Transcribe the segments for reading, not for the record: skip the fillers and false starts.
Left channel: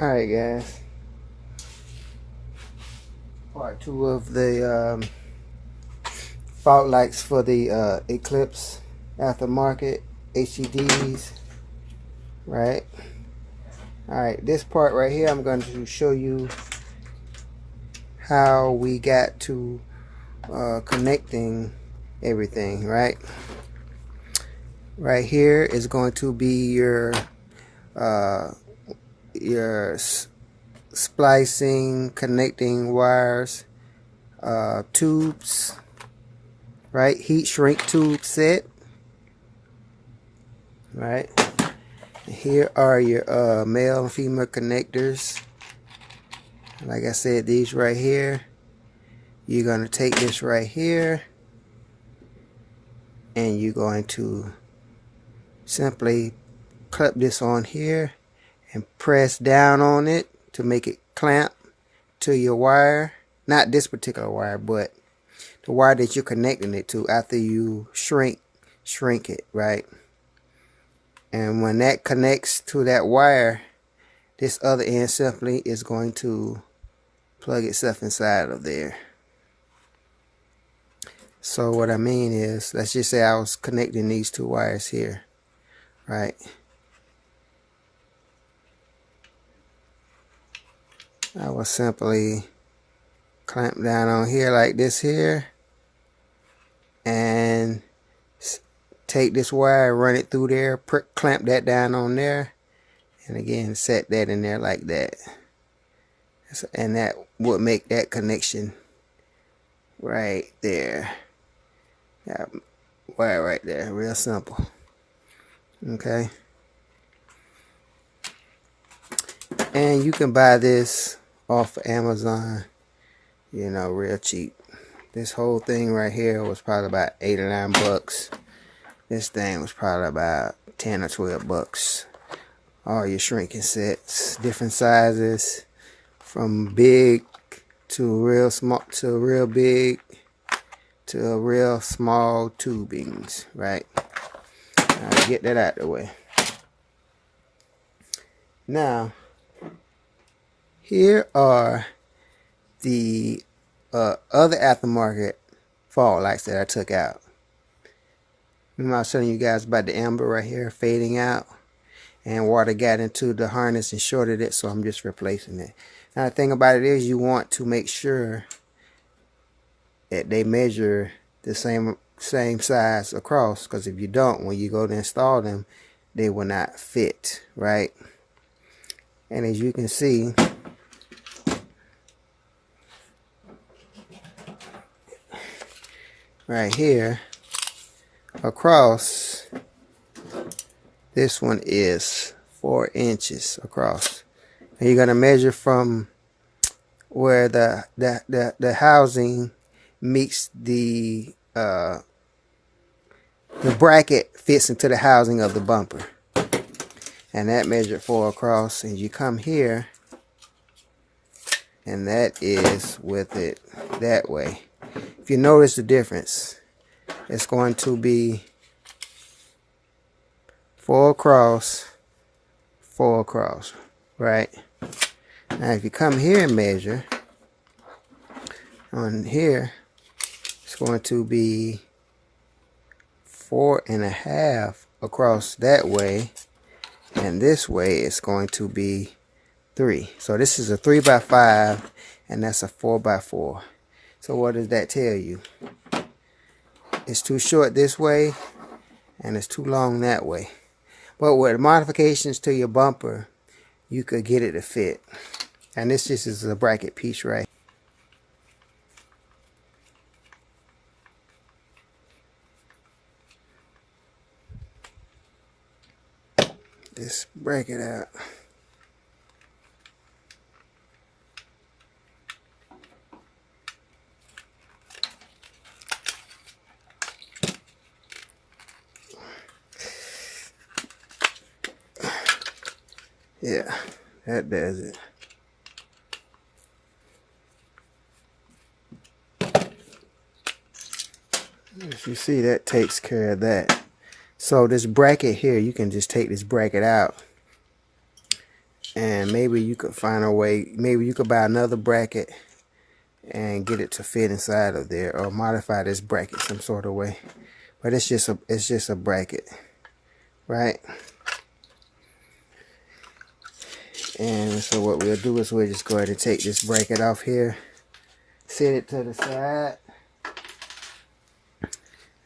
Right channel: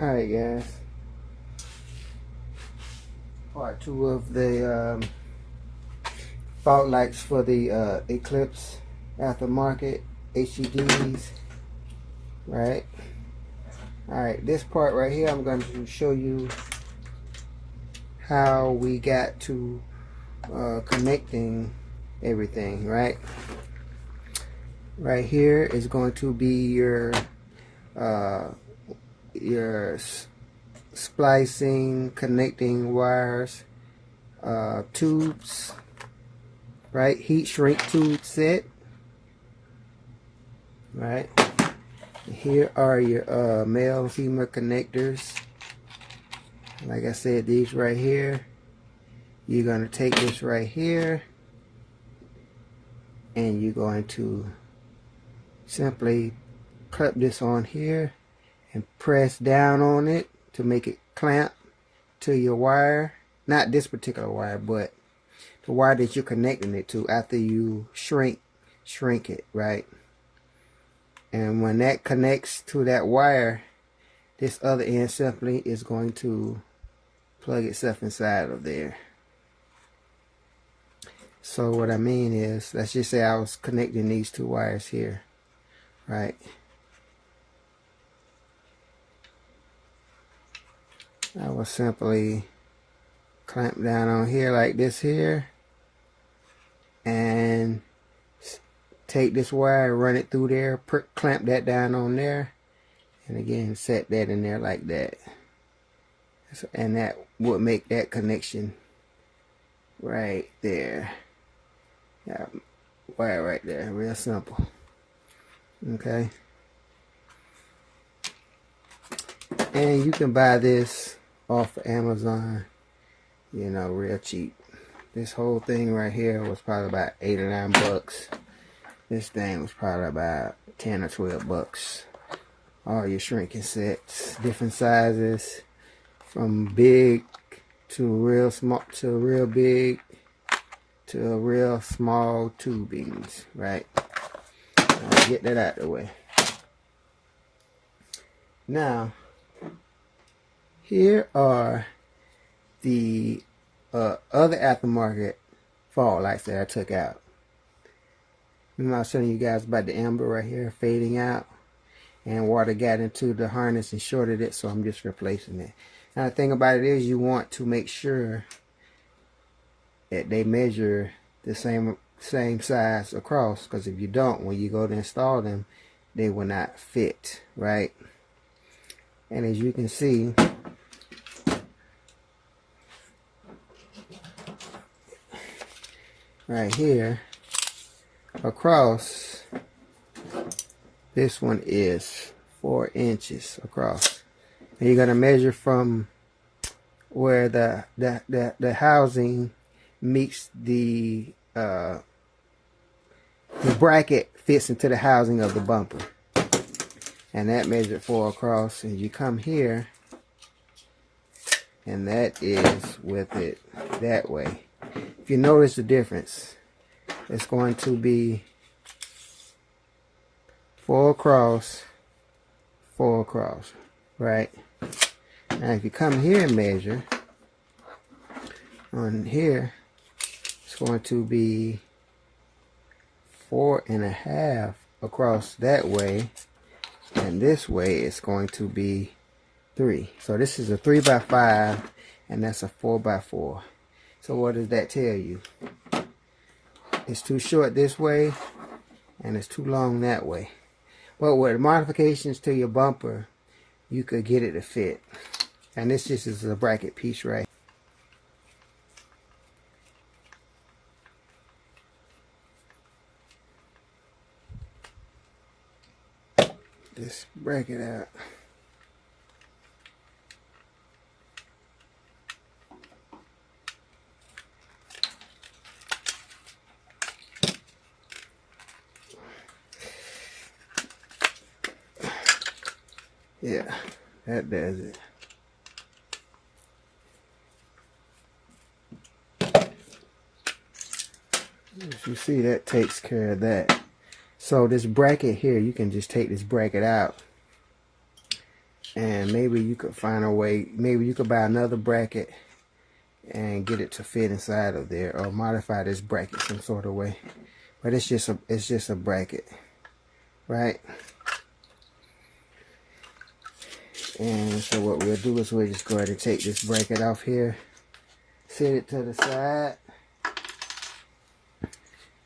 Alright guys, part 2 of the fault lights for the Eclipse aftermarket HDDs. Right. Alright, this part right here I'm going to show you how we got to connecting everything. Right here is going to be your splicing, connecting wires, tubes, right? Heat shrink tube set, right? Here are your male and female connectors. Like I said, these right here, you're going to take this right here and you're going to simply clip this on here and press down on it to make it clamp to your wire. Not this particular wire, but the wire that you're connecting it to after you shrink it, right? And when that connects to that wire, this other end simply is going to plug itself inside of there. So what I mean is, let's just say I was connecting these two wires here, right? I will simply clamp down on here like this here and take this wire, run it through there, clamp that down on there, and again set that in there like that, and that would make that connection right there. Yeah, wire right there, real simple. Okay, and you can buy this off of Amazon, you know, real cheap. This whole thing right here was probably about 8 or 9 bucks. This thing was probably about 10 or 12 bucks. All your shrinking sets, different sizes, from big to real small to real big to real small tubings, right? Get that out of the way. Now, here are the other aftermarket fog lights that I took out. Remember I was telling you guys about the amber right here fading out, and water got into the harness and shorted it, so I'm just replacing it. Now the thing about it is, you want to make sure that they measure the same size across, because if you don't, when you go to install them, they will not fit, right? And as you can see, right here across, this one is 4 inches across. And you're going to measure from where the housing meets the bracket fits into the housing of the bumper, and that measured 4 across, and you come here and that is with it that way. If you notice the difference, it's going to be 4 across, 4 across, right? Now if you come here and measure on here, it's going to be 4.5 across that way, and this way it's going to be 3. So this is a 3x5 and that's a 4x4. So what does that tell you? It's too short this way and it's too long that way. But with modifications to your bumper, you could get it to fit. And this just is a bracket piece, right? Just break it out. Yeah, that does it. As you see, that takes care of that. So this bracket here, you can just take this bracket out And maybe you could find a way, maybe you could buy another bracket and get it to fit inside of there, or modify this bracket some sort of way. But it's just a bracket, right? And so what we'll do is we'll just go ahead and take this bracket off here, set it to the side,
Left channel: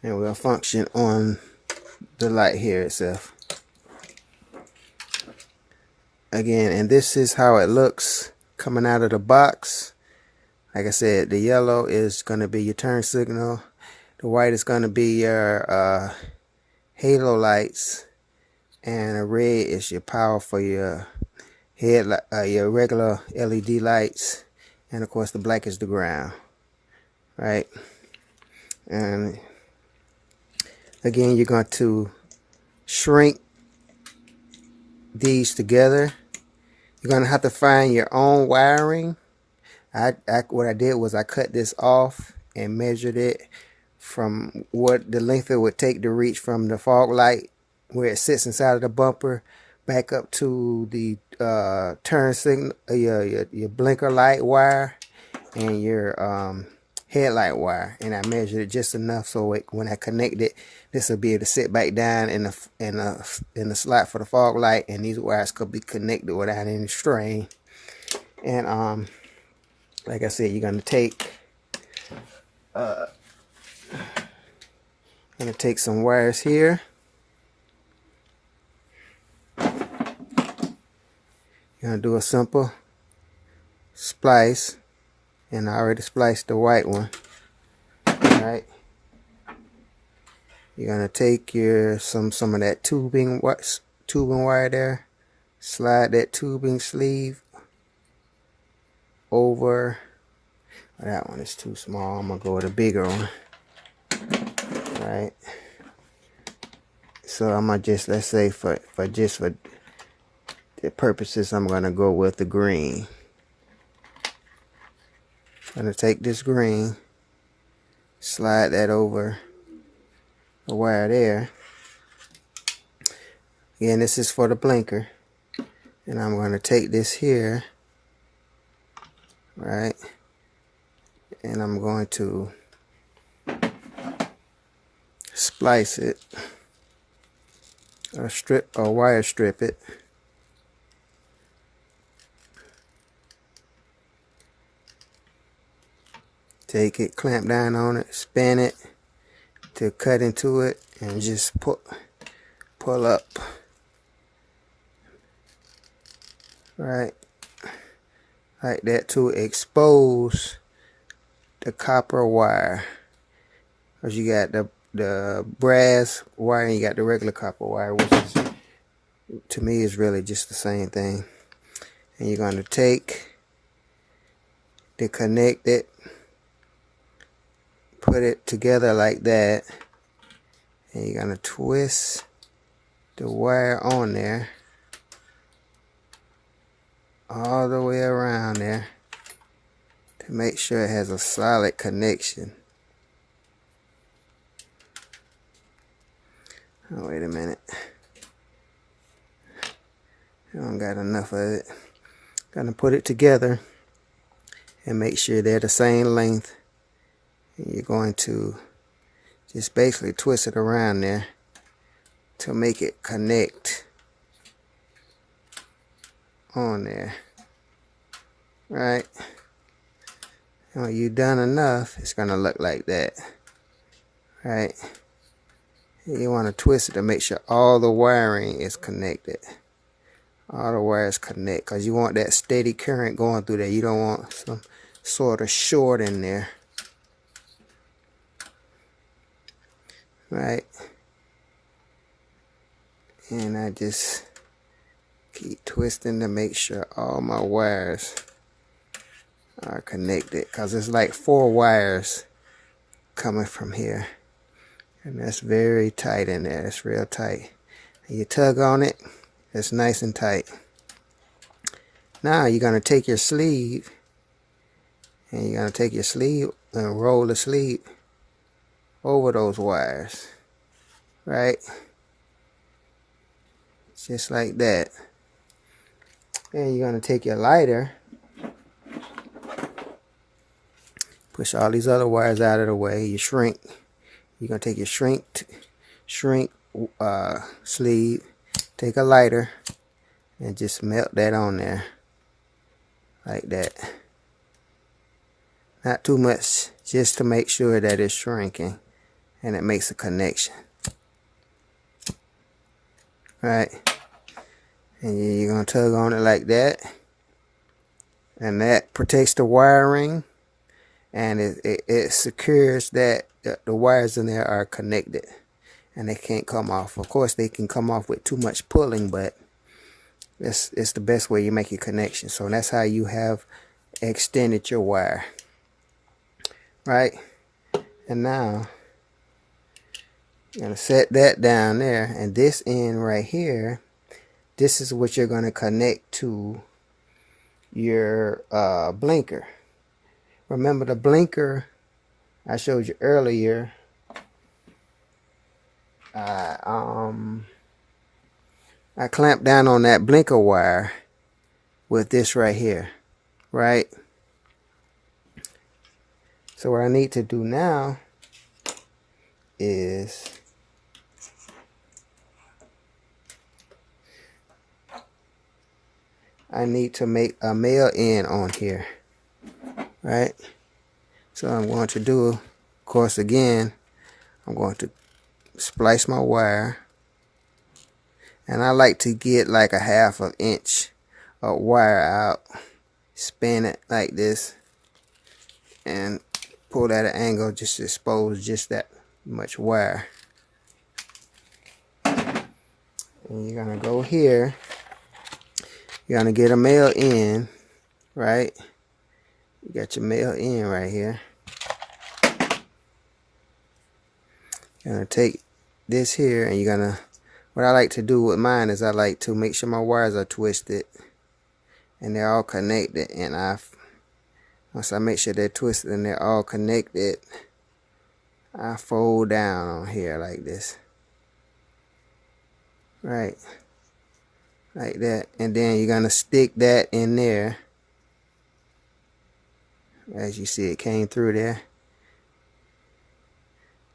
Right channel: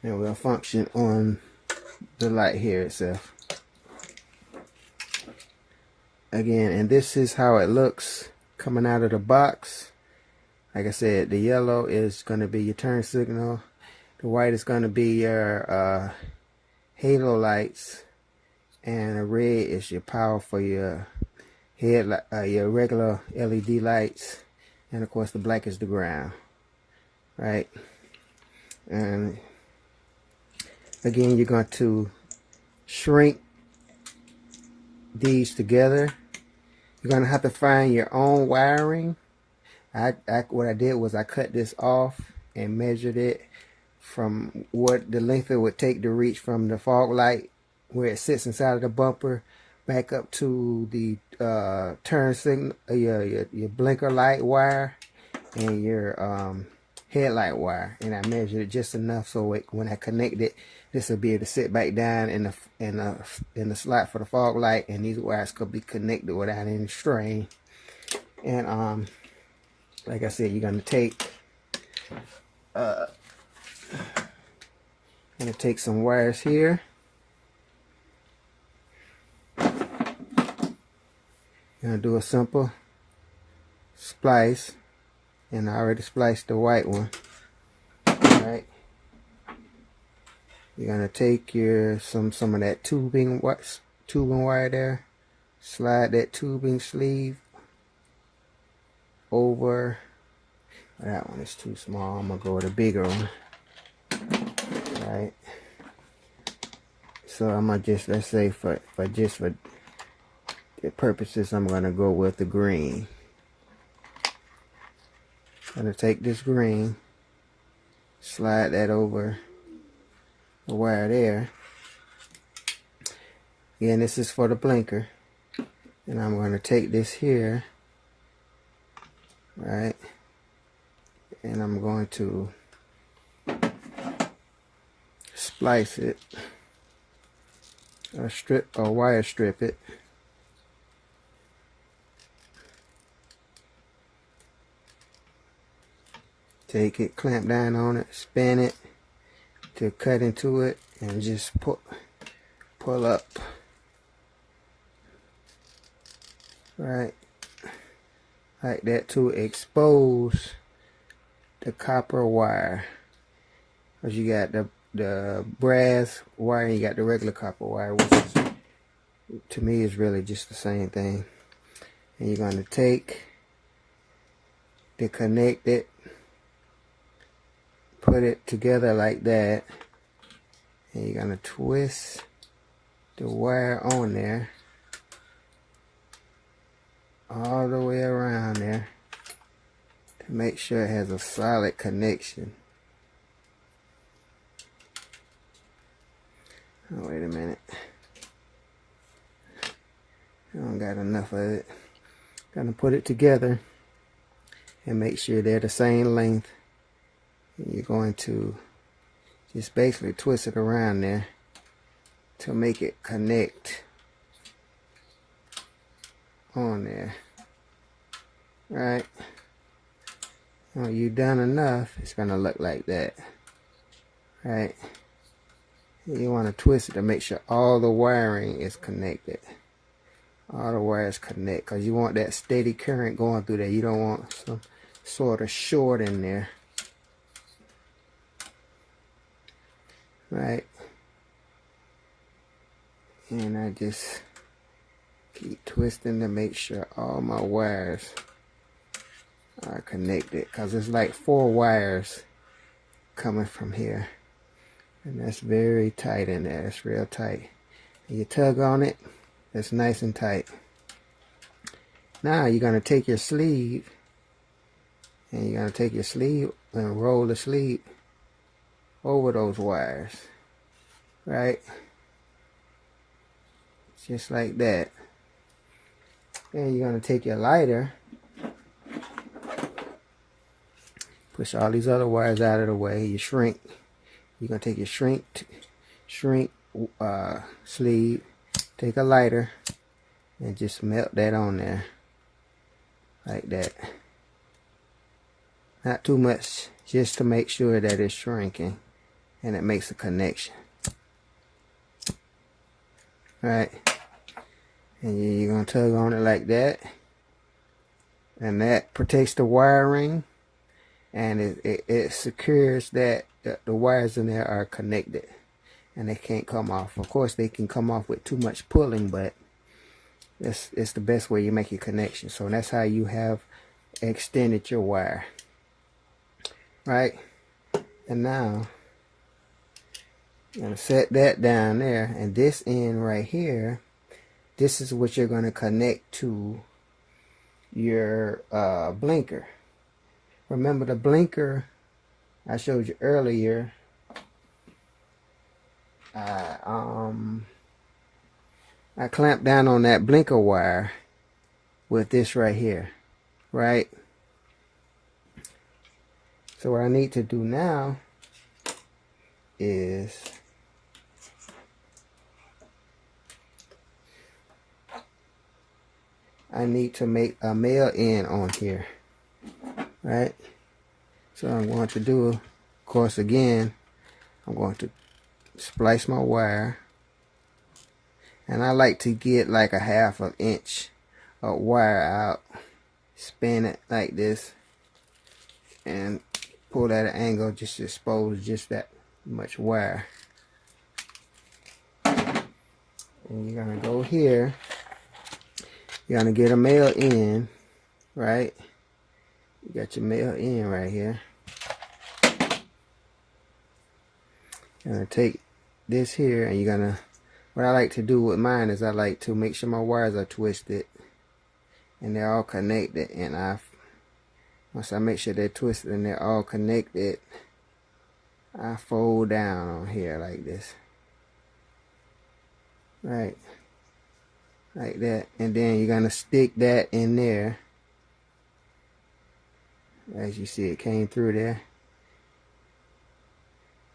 and we'll function on the light here itself. Again, and this is how it looks coming out of the box. Like I said, the yellow is going to be your turn signal. The white is going to be your halo lights, and the red is your power for your your regular LED lights, and of course the black is the ground, right? And again, you're going to shrink these together. You're going to have to find your own wiring. What I did was I cut this off and measured it from what the length it would take to reach from the fog light where it sits inside of the bumper back up to the turn signal, your blinker light wire and your headlight wire, and I measured it just enough so when I connect it, this will be able to sit back down in the slot for the fog light, and these wires could be connected without any strain. And like I said, you're gonna take some wires here. You're gonna do a simple splice, and I already spliced the white one. Alright. You're gonna take your some of that tubing wire there, slide that tubing sleeve over. That one is too small. I'm gonna go with a bigger one. Right. So I'm gonna just, let's say for the purposes, I'm gonna go with the green. I'm gonna take this green, slide that over the wire there. Again, this is for the blinker, and I'm gonna take this here, right, and I'm going to splice it, or wire strip it. Take it, clamp down on it, spin it to cut into it, and just pull up, right, like that, to expose the copper wire. Because you got the brass wire and you got the regular copper wire, which is, to me, is really just the same thing. And you're going to take to connect it, put it together like that, and you're going to twist the wire on there all the way around there to make sure it has a solid connection. Oh, wait a minute. I don't got enough of it. Gonna put it together and make sure they're the same length. And you're going to just basically twist it around there to make it connect on there. Right? And when you've done enough, it's gonna look like that. Right? You want to twist it to make sure all the wiring is connected. All the wires connect, because you want that steady current going through there. You don't want some sort of short in there. Right? And I just keep twisting to make sure all my wires are connected, because it's like 4 wires coming from here. And that's very tight in there. It's real tight. And you tug on it, it's nice and tight. Now you're going to take your sleeve, and you're going to take your sleeve and roll the sleeve over those wires. Right? Just like that. And you're going to take your lighter, push all these other wires out of the way. You shrink. You're going to take your shrink sleeve, take a lighter, and just melt that on there like that. Not too much, just to make sure that it's shrinking and it makes a connection. Right, and you're going to tug on it like that, and that protects the wiring, and it secures that the wires in there are connected and they can't come off. Of course they can come off with too much pulling, but it's the best way you make your connection. So that's how you have extended your wire, right? And now you're going to set that down there, and this end right here, this is what you're going to connect to your blinker. Remember the blinker I showed you earlier, I clamped down on that blinker wire with this right here, right? So what I need to do now is I need to make a male end on here, right? So I'm going to do, of course, again, I'm going to splice my wire, and I like to get like a 1/2 inch of wire out, spin it like this, and pull at an angle just to expose just that much wire. And you're gonna go here, you're gonna get a male end, right? You got your male end right here. You're gonna take this here, and you're gonna, what I like to do with mine is I like to make sure my wires are twisted and they're all connected, and once I make sure they're twisted and they're all connected, I fold down on here like this, right, like that, and then you're gonna stick that in there. As you see, it came through there.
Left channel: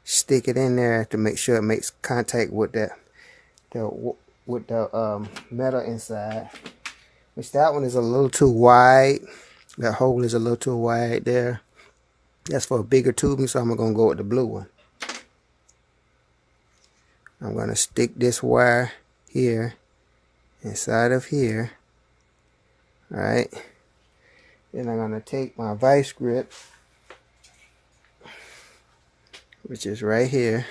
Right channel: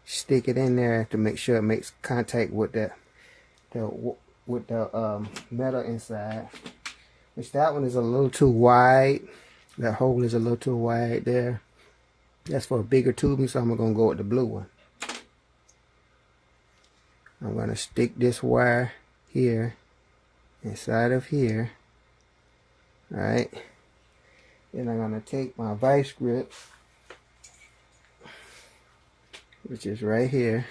Stick it in there to make sure it makes contact with the metal inside. Which that one is a little too wide. That hole is a little too wide there. That's for a bigger tubing, so I'm gonna go with the blue one. I'm gonna stick this wire here inside of here, right? Then I'm gonna take my vice grip, which is right here.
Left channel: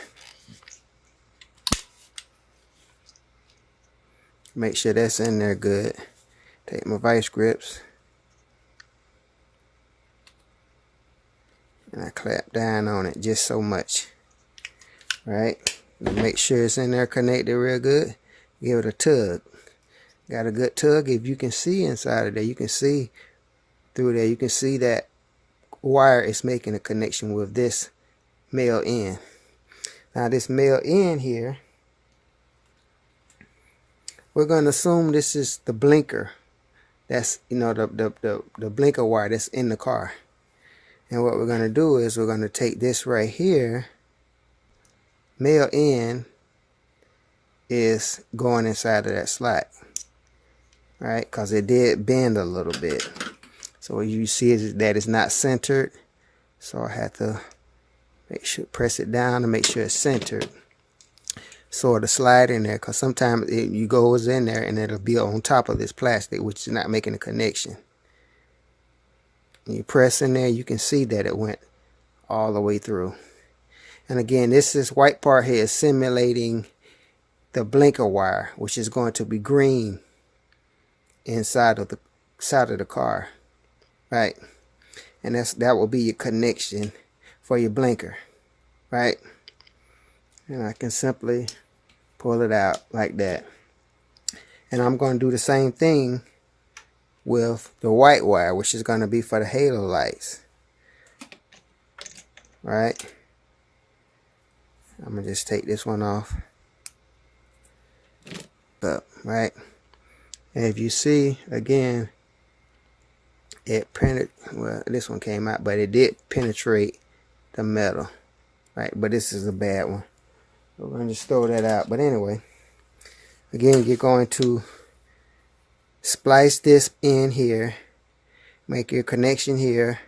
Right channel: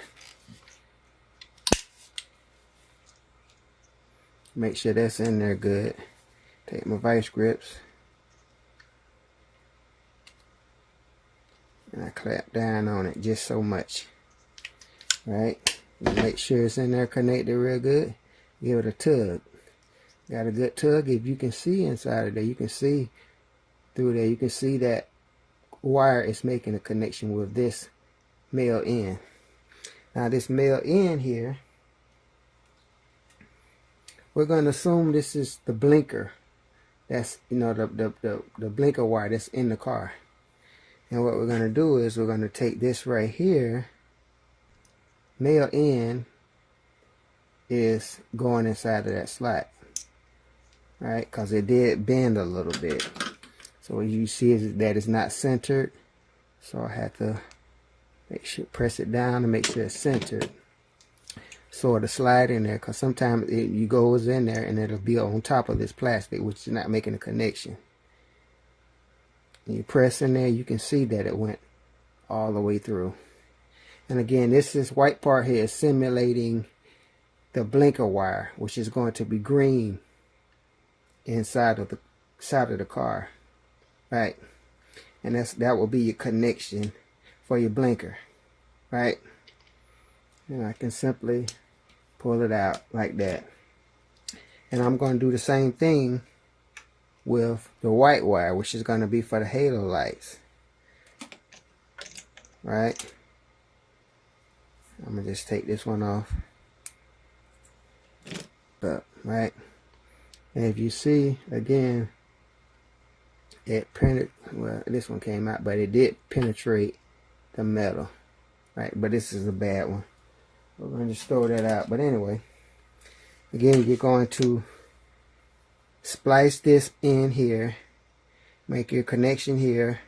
Make sure that's in there good. Take my vice grips, and I clamp down on it just so much, right? Make sure it's in there connected real good. Give it a tug. Got a good tug. If you can see inside of there, you can see through there, you can see that wire is making a connection with this male end. Now this male end here, we're going to assume this is the blinker. That's, you know, the blinker wire that's in the car. And what we're going to do is we're going to take this right here. Male end is going inside of that slot, right? Because it did bend a little bit. So what you see is that it's not centered. So I have to make sure, press it down to make sure it's centered. Sort of slide in there, because sometimes you goes in there and it'll be on top of this plastic, which is not making a connection. And you press in there, you can see that it went all the way through. And again, this white part here is simulating the blinker wire, which is going to be green inside of the side of the car, right? And that will be your connection for your blinker, right? And I can simply pull it out like that. And I'm going to do the same thing with the white wire, which is going to be for the halo lights, right? I'm going to just take this one off, right? And if you see, again, well, this one came out, but it did penetrate the metal, right? But this is a bad one. We're going to just throw that out. But anyway, again, you're going to splice this in here, make your connection here,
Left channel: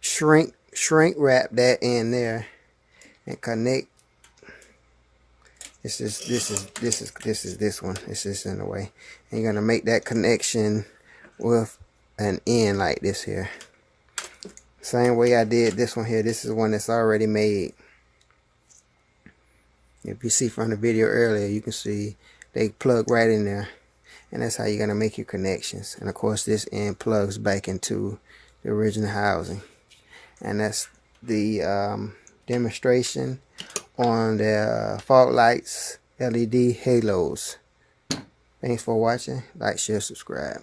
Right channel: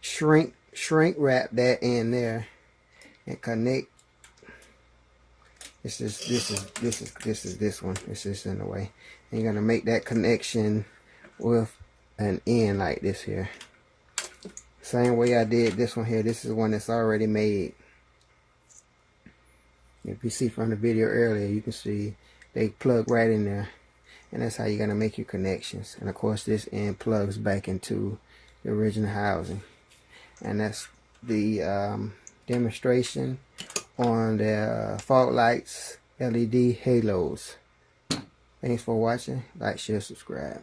shrink wrap that in there, and connect. This is this one. This is in the way. And you're gonna make that connection with an end like this here. Same way I did this one here. This is one that's already made. If you see from the video earlier, you can see they plug right in there. And that's how you're gonna make your connections. And of course this end plugs back into the original housing. And that's the demonstration on the fog lights LED halos. Thanks for watching. Like, share, subscribe.